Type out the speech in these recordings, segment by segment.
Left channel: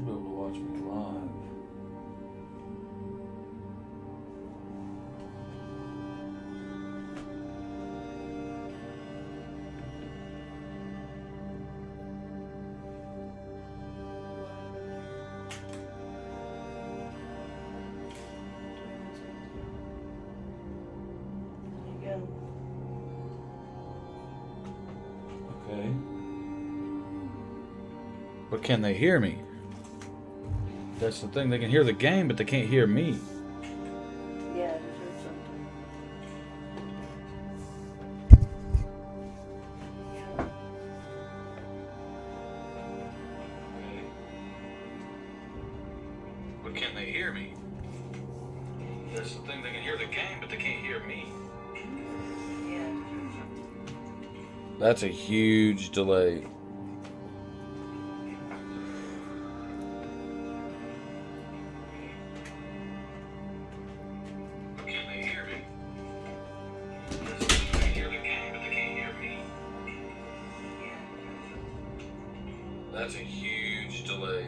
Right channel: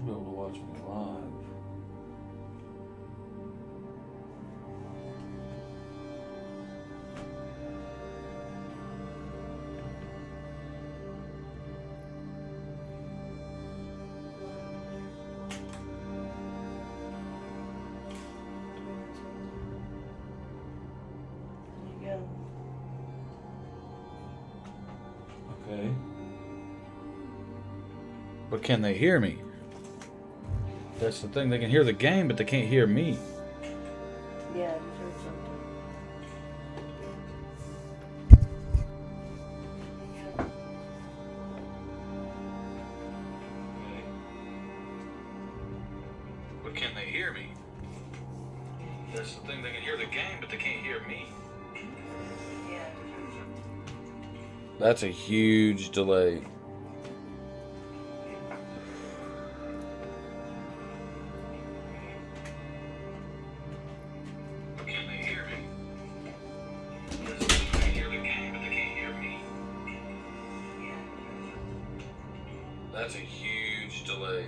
should be able to watch me live. Okay. But can they hear me? That's the thing. They can hear the game, but they can't hear me. Yeah, I just heard something. Okay. But can they hear me? That's the thing. They can hear the game, but they can't hear me. Yeah, I just heard something. That's a huge delay. But can they hear me? That's the thing. They can hear the game, but they can't hear me. That's a huge delay.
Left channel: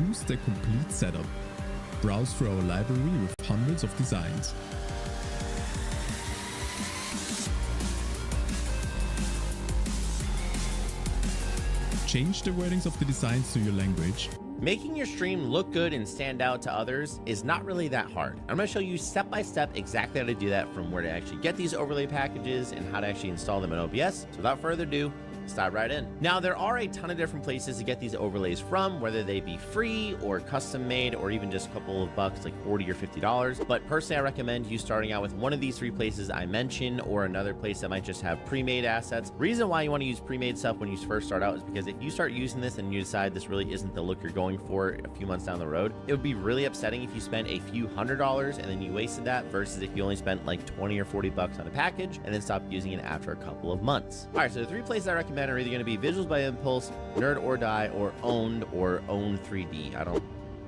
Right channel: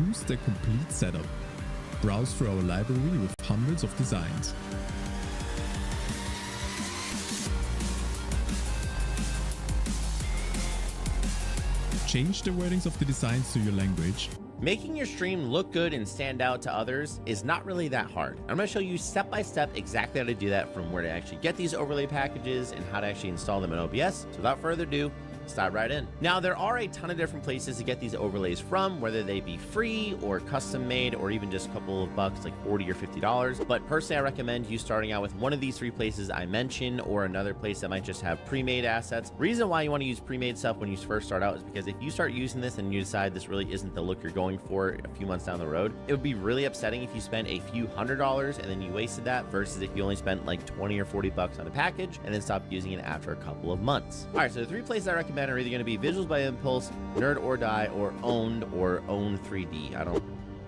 choose the complete setup. Browse through our library with hundreds of designs. Change the wordings of the designs to your language. Making your stream look good and stand out to others is not really that hard. I'm going to show you step by step exactly how to do that, from where to actually get these overlay packages and how to actually install them in OBS. So without further ado, let's dive right in. Now, there are a ton of different places to get these overlays from, whether they be free or custom made, or even just a couple of bucks, like $40 or $50. But personally, I recommend you starting out with one of these 3 places I mentioned, or another place that might just have pre-made assets. Reason why you want to use pre-made stuff when you first start out is because if you start using this and you decide this really isn't the look you're going for a few months down the road, it would be really upsetting if you spent a few $100s and then you wasted that, versus if you only spent like 20 or 40 bucks on a package and then stopped using it after a couple of months. All right, so the 3 places I recommend are either going to be Visuals by Impulse, Nerd or Die, or Owned or Own 3D. I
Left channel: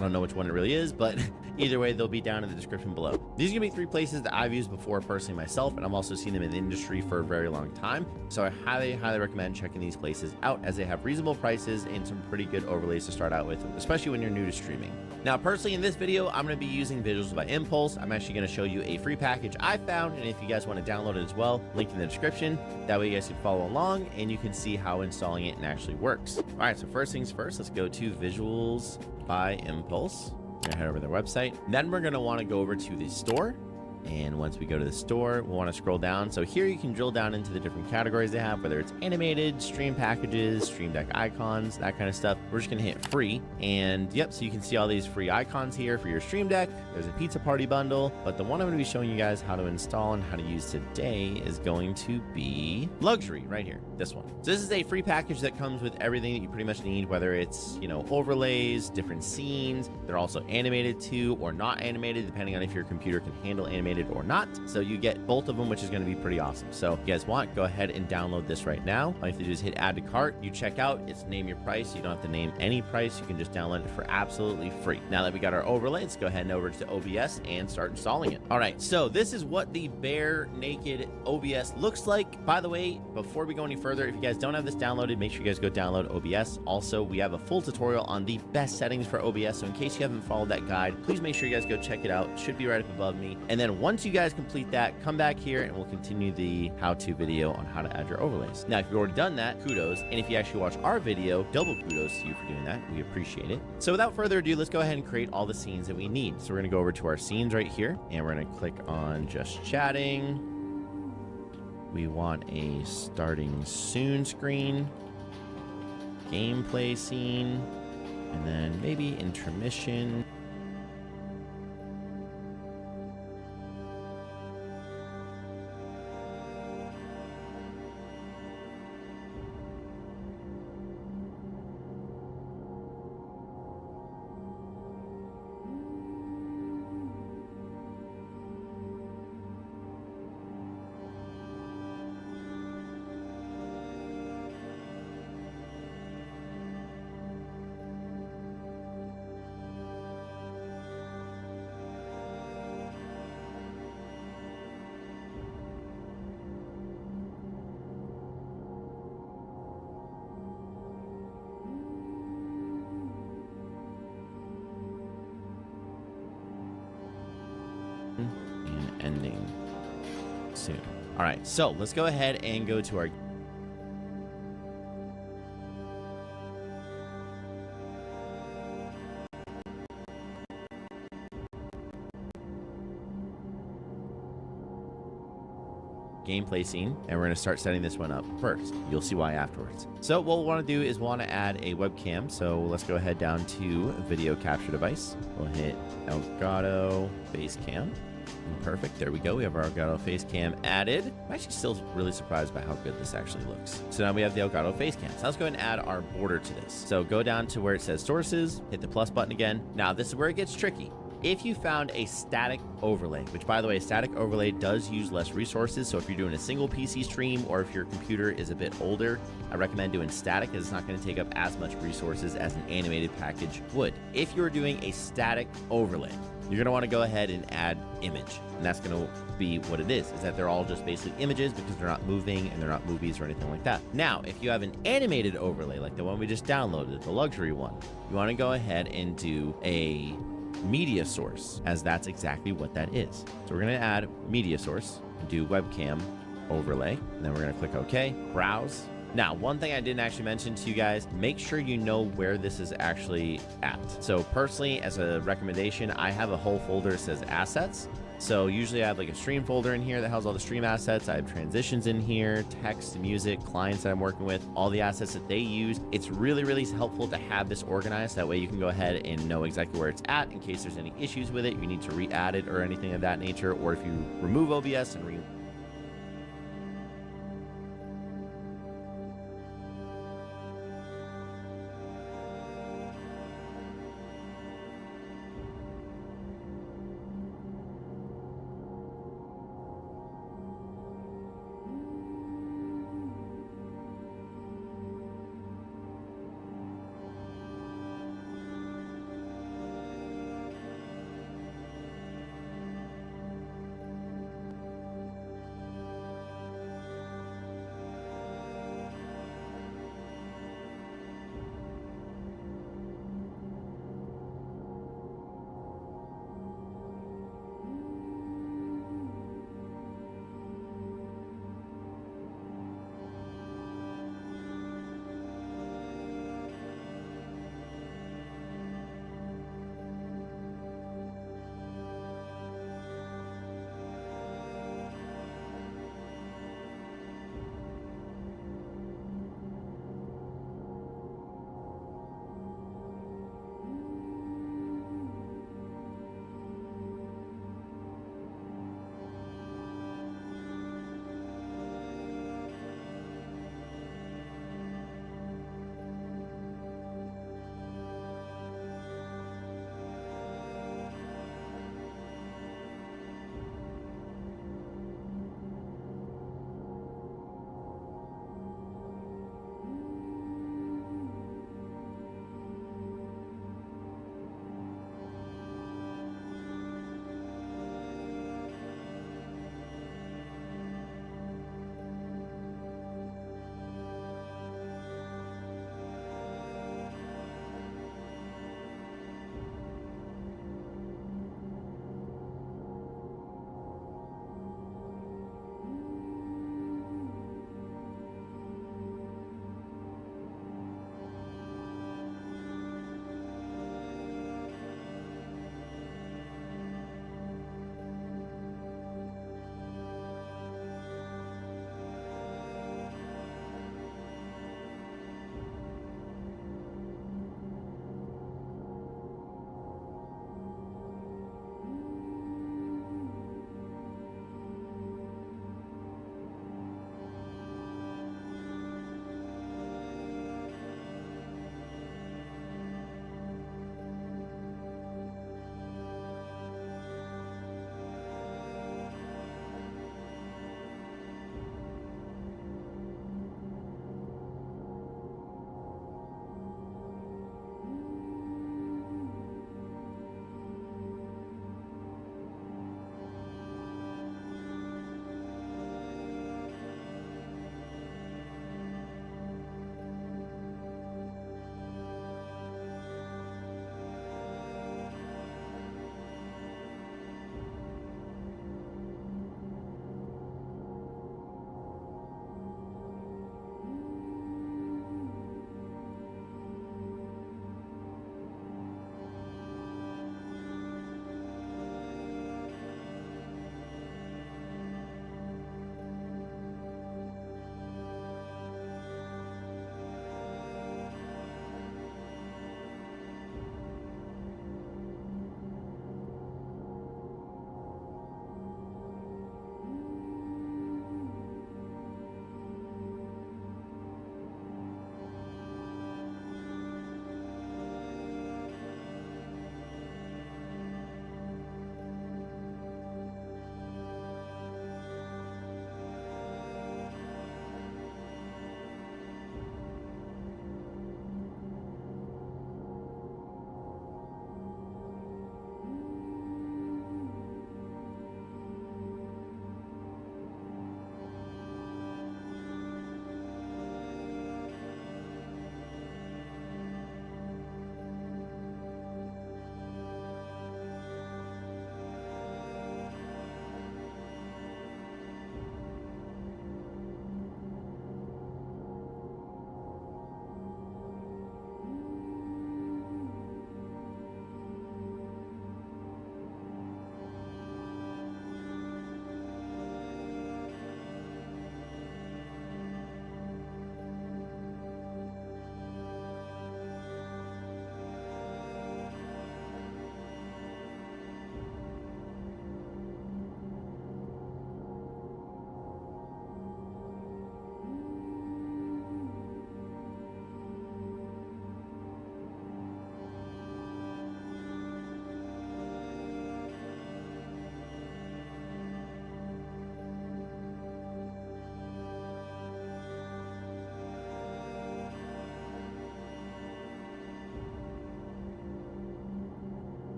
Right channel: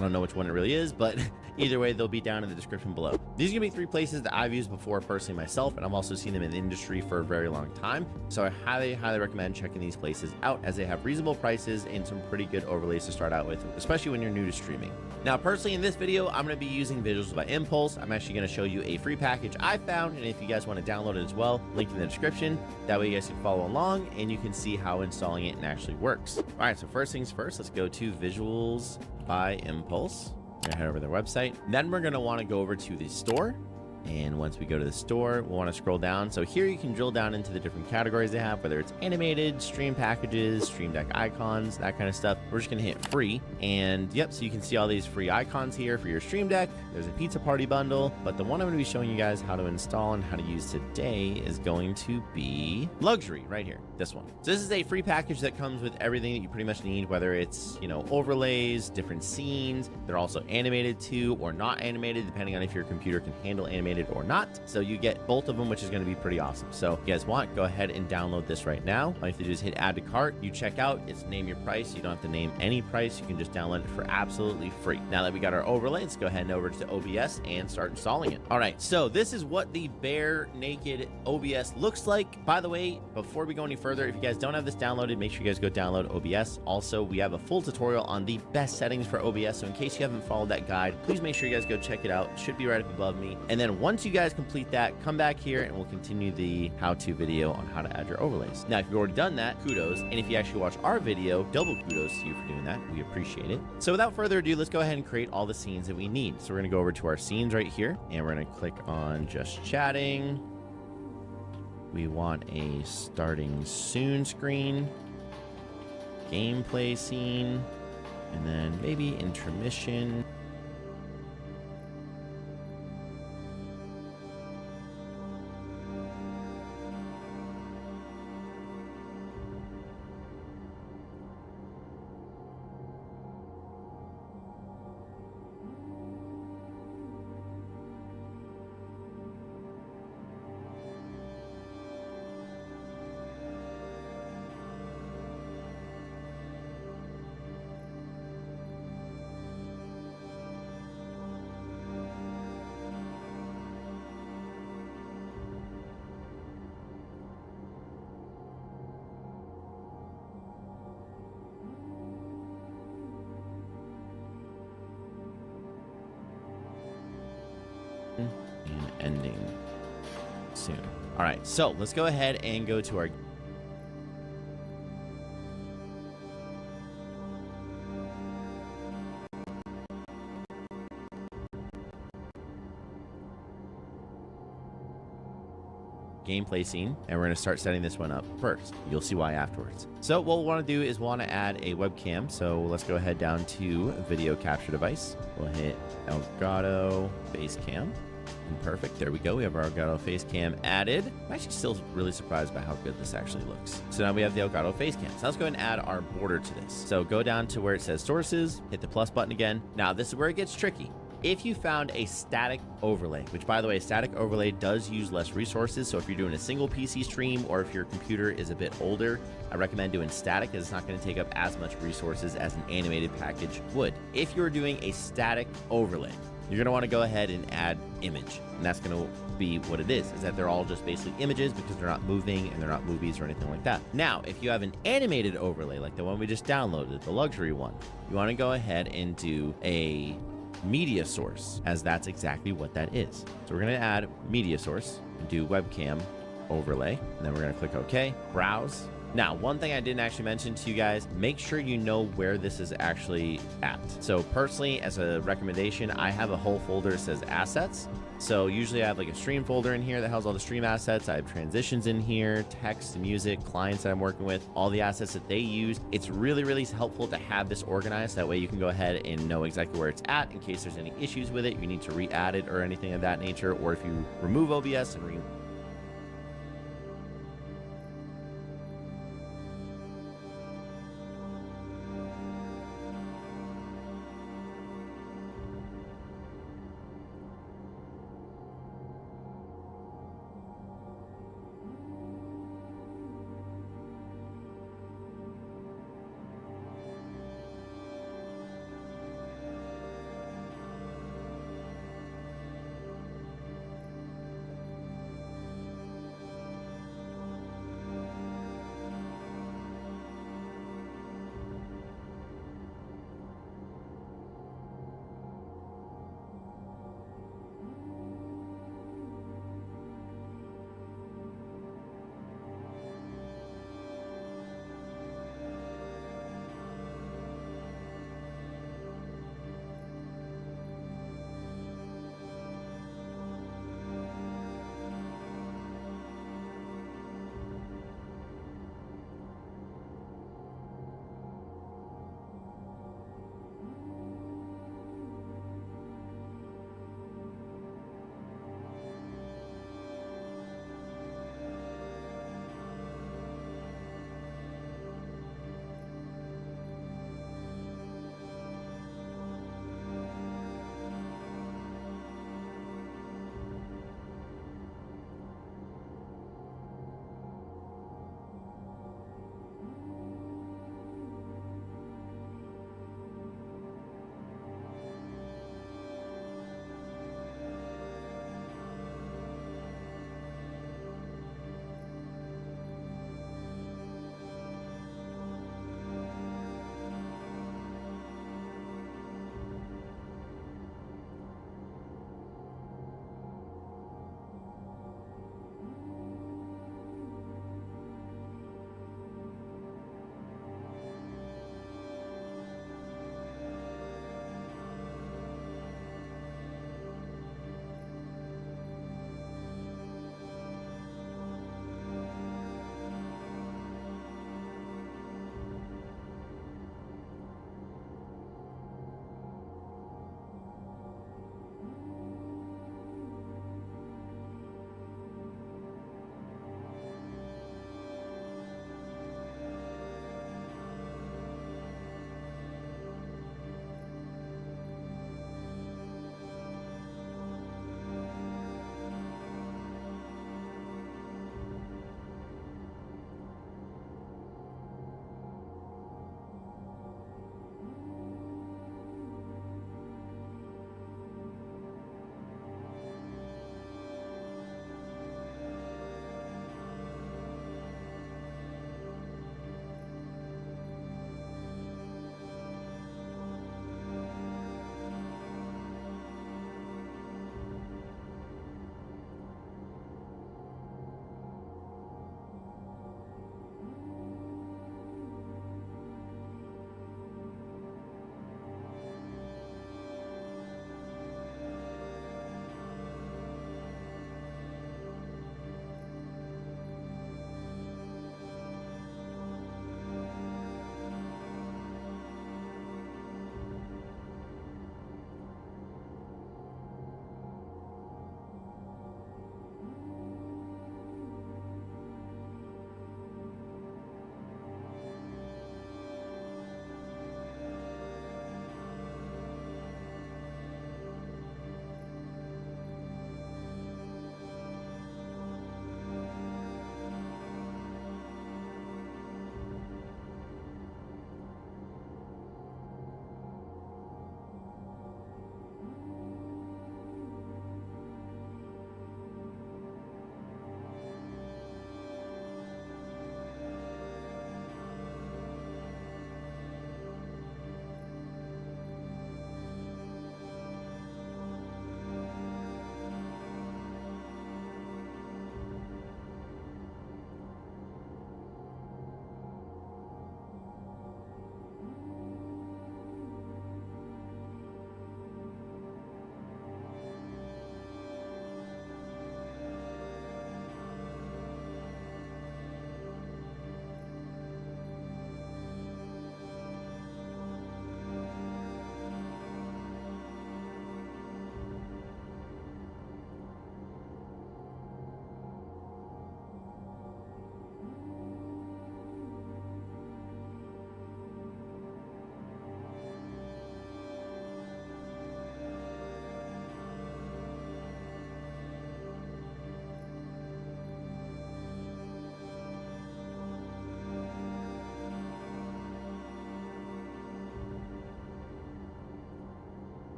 don't know which one it really is, but either way, they'll be down in the description below. These are gonna be 3 places that I've used before personally myself, and I've also seen them in the industry for a very long time. So I highly recommend checking these places out, as they have reasonable prices and some pretty good overlays to start out with, especially when you're new to streaming. Now, personally, in this video, I'm gonna be using Visuals by Impulse. I'm actually gonna show you a free package I found, and if you guys want to download it as well, link in the description. That way you guys can follow along and you can see how installing it actually works. All right, so first things first, let's go to Visuals by Impulse. We're gonna head over to their website. Then we're gonna want to go over to the store. And once we go to the store, we'll want to scroll down. So here you can drill down into the different categories they have, whether it's animated, stream packages, stream deck icons, that kind of stuff. We're just going to hit free. And yep, so you can see all these free icons here for your stream deck. There's a pizza party bundle, but the one I'm going to be showing you guys how to install and how to use today is going to be Luxury right here, this one. So this is a free package that comes with everything that you pretty much need, whether it's, you know, overlays, different scenes. They're also animated too, or not animated, depending on if your computer can handle animated or not. So you get both of them, which is going to be pretty awesome. So if you guys want, go ahead and download this right now. All you have to do is hit add to cart. You check out, it's name your price. You don't have to name any price. You can just download it for absolutely free. Now that we got our overlay, let's go ahead and over to OBS and start installing it. All right, so this is what the bare naked OBS looks like. By the way, before we go any further, if you guys don't have this downloaded, make sure you guys go download OBS. Also, we have a full tutorial on the best settings for OBS. So in case you haven't followed that guide, please make sure you guys go check it out. It should be right up above me. And then once you guys complete that, come back here and we'll continue the how-to video on how to add your overlays. Now, if you've already done that, kudos. And if you actually watch our video, double kudos to you for doing that. We appreciate it. So without further ado, let's go ahead and create all the scenes that we need. So we're going to go over to our scenes right here, and we're going to click on just chatting. We want a starting soon screen, gameplay scene, and then maybe intermission. And ending soon. All right, so let's go ahead and go to our gameplay scene, and we're going to start setting this one up first. You'll see why afterwards. So what we'll want to do is want to add a webcam. So let's go ahead down to video capture device. We'll hit Elgato Facecam. Perfect. There we go. We have our Elgato Facecam added. I'm actually still really surprised by how good this actually looks. So now we have the Elgato Facecam. So let's go ahead and add our border to this. So go down to where it says sources, hit the plus button again. Now this is where it gets tricky. If you found a static overlay, which by the way, a static overlay does use less resources. So if you're doing a single PC stream, or if your computer is a bit older, I recommend doing static, as it's not going to take up as much resources as an animated package would. If you're doing a static overlay, you're going to want to go ahead and add image. And that's going to be what it is that they're all just basically images because they're not moving and they're not movies or anything like that. Now, if you have an animated overlay like the one we just downloaded, the luxury one, you want to go ahead and do a media source, as that's exactly what that is. So we're going to add media source and do webcam overlay, and then we're going to click OK, browse. Now, one thing I didn't actually mention to you guys, make sure you know where this is actually at. So personally, as a recommendation, I have a whole folder that says assets. So usually I have like a stream folder in here that has all the stream assets. I have transitions in here, text, music, clients that I'm working with, all the assets that they use. It's really, really helpful to have this organized. That way you can go ahead and know exactly where it's at in case there's any issues with it. You need to re-add it or anything of that nature. Or if you remove OBS and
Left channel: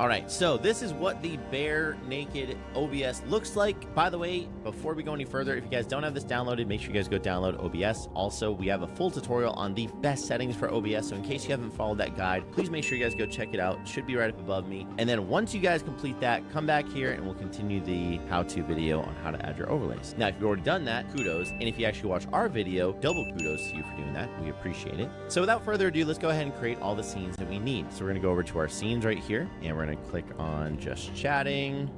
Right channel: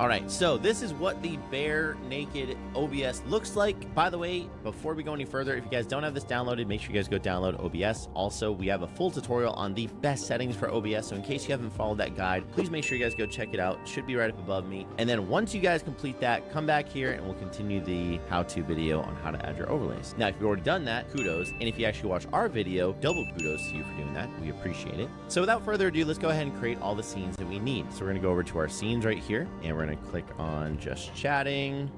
All right, so this is what the bare naked OBS looks like. By the way, before we go any further, if you guys don't have this downloaded, make sure you guys go download OBS. Also, we have a full tutorial on the best settings for OBS. So in case you haven't followed that guide, please make sure you guys go check it out. It should be right up above me. And then once you guys complete that, come back here and we'll continue the how-to video on how to add your overlays. Now, if you've already done that, kudos. And if you actually watch our video, double kudos to you for doing that. We appreciate it. So without further ado, let's go ahead and create all the scenes that we need. So we're gonna go over to our scenes right here, and we're gonna click on just chatting.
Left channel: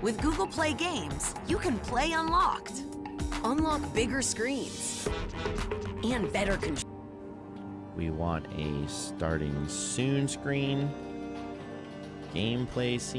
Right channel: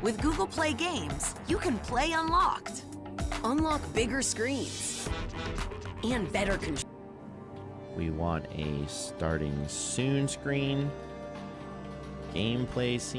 With Google Play Games, you can play unlocked. Unlock bigger screens and better control. We want a starting soon screen, gameplay scene.